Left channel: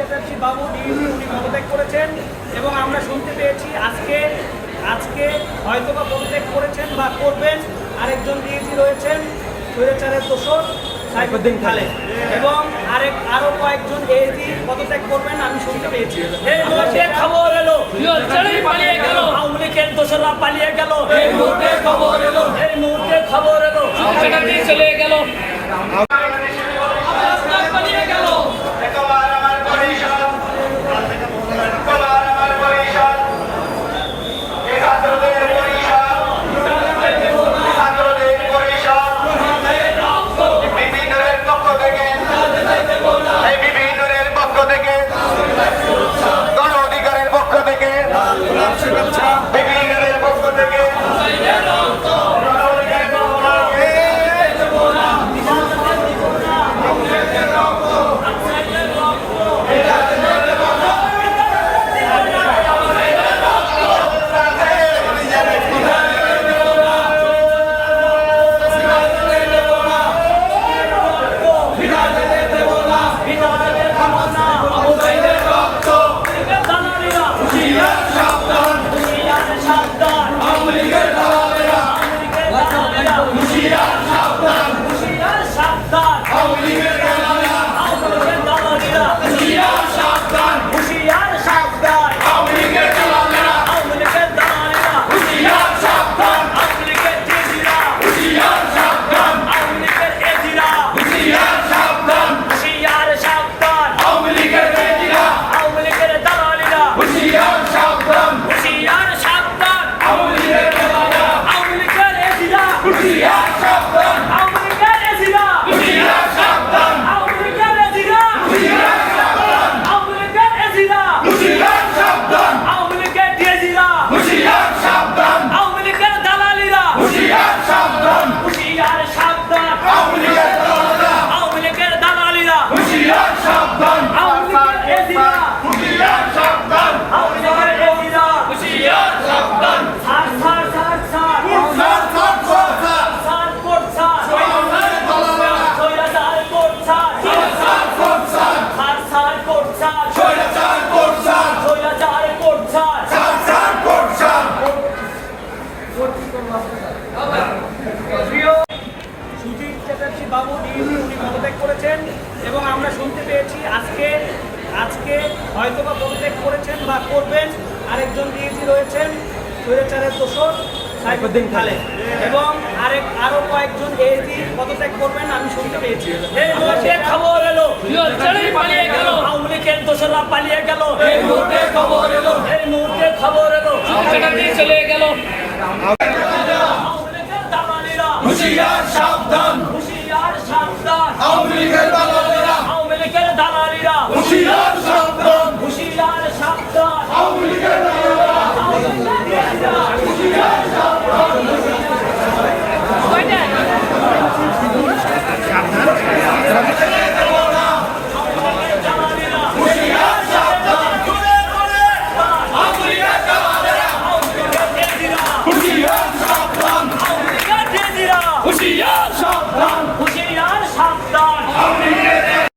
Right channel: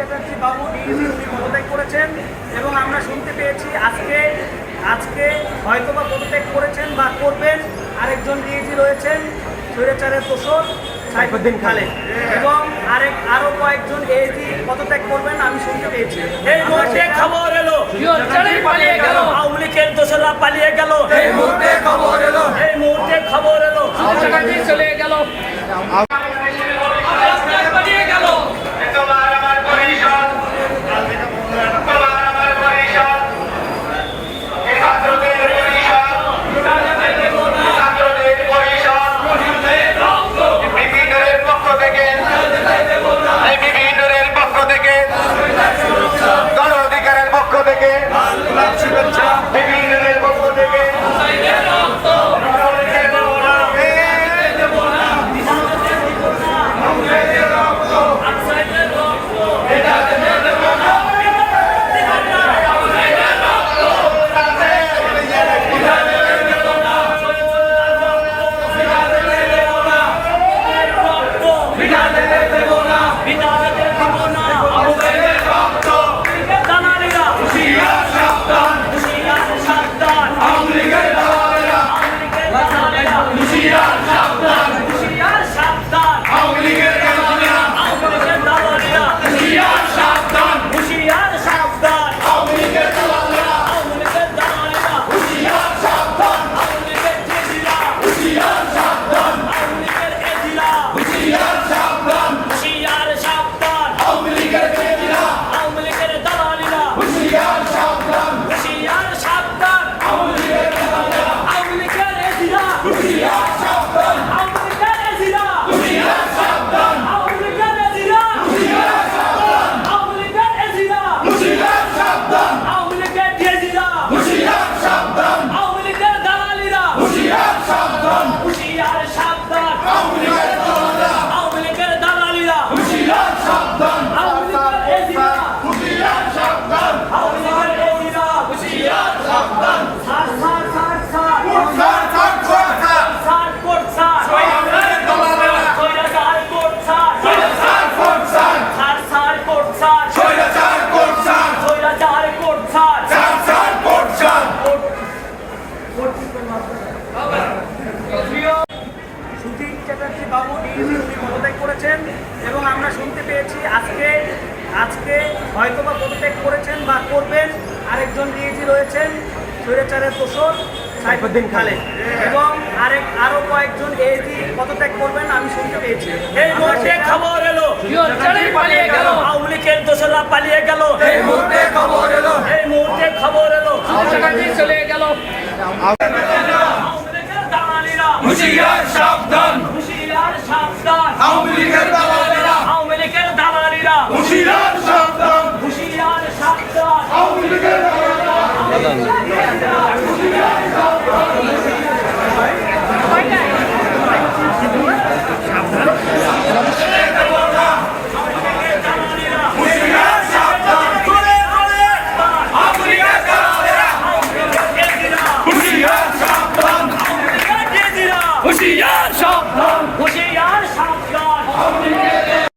চ্যাটার্জি বাবু পদত্যাগ করেছেন এবং আমরা শুনতে পেয়েছি আজকে হয়তোবা পদত্যাগ করেছেন বা করবেন আরেকজন ডিএজি রয়েছেন স্বৈরাচারের দোষর সাইফুদ্দিন খালেদ এবং আরো কয়েকজন এএজি পদত্যাগ করবেন আমি শুনতে পেয়েছি। এই মুহূর্তে খবর এলো পালিয়ে গেল আওয়ামী লীগের দোষরা পালিয়ে গেল। এই মুহূর্তে খবর এলো চলে গেল পালিয়ে গেল। গণ অধিকারের পক্ষ থেকে বিভিন্নের পক্ষ থেকে চ্যাটার্জি বাবু পদত্যাগ করেছেন এবং আমরা শুনতে পেয়েছি আজকে হয়তোবা পদত্যাগ করেছেন বা করবেন আরেকজন ডিএজি রয়েছেন স্বৈরাচারের দোষর সাইফুদ্দিন খালেদ এবং আরো কয়েকজন এএজি পদত্যাগ করবেন আমি শুনতে পেয়েছি। এই মুহূর্তে খবর এলো পালিয়ে গেল আওয়ামী লীগের দোষরা পালিয়ে গেল। এই মুহূর্তে খবর এলো চলে গেল। হুঁশিয়ার সাবধান।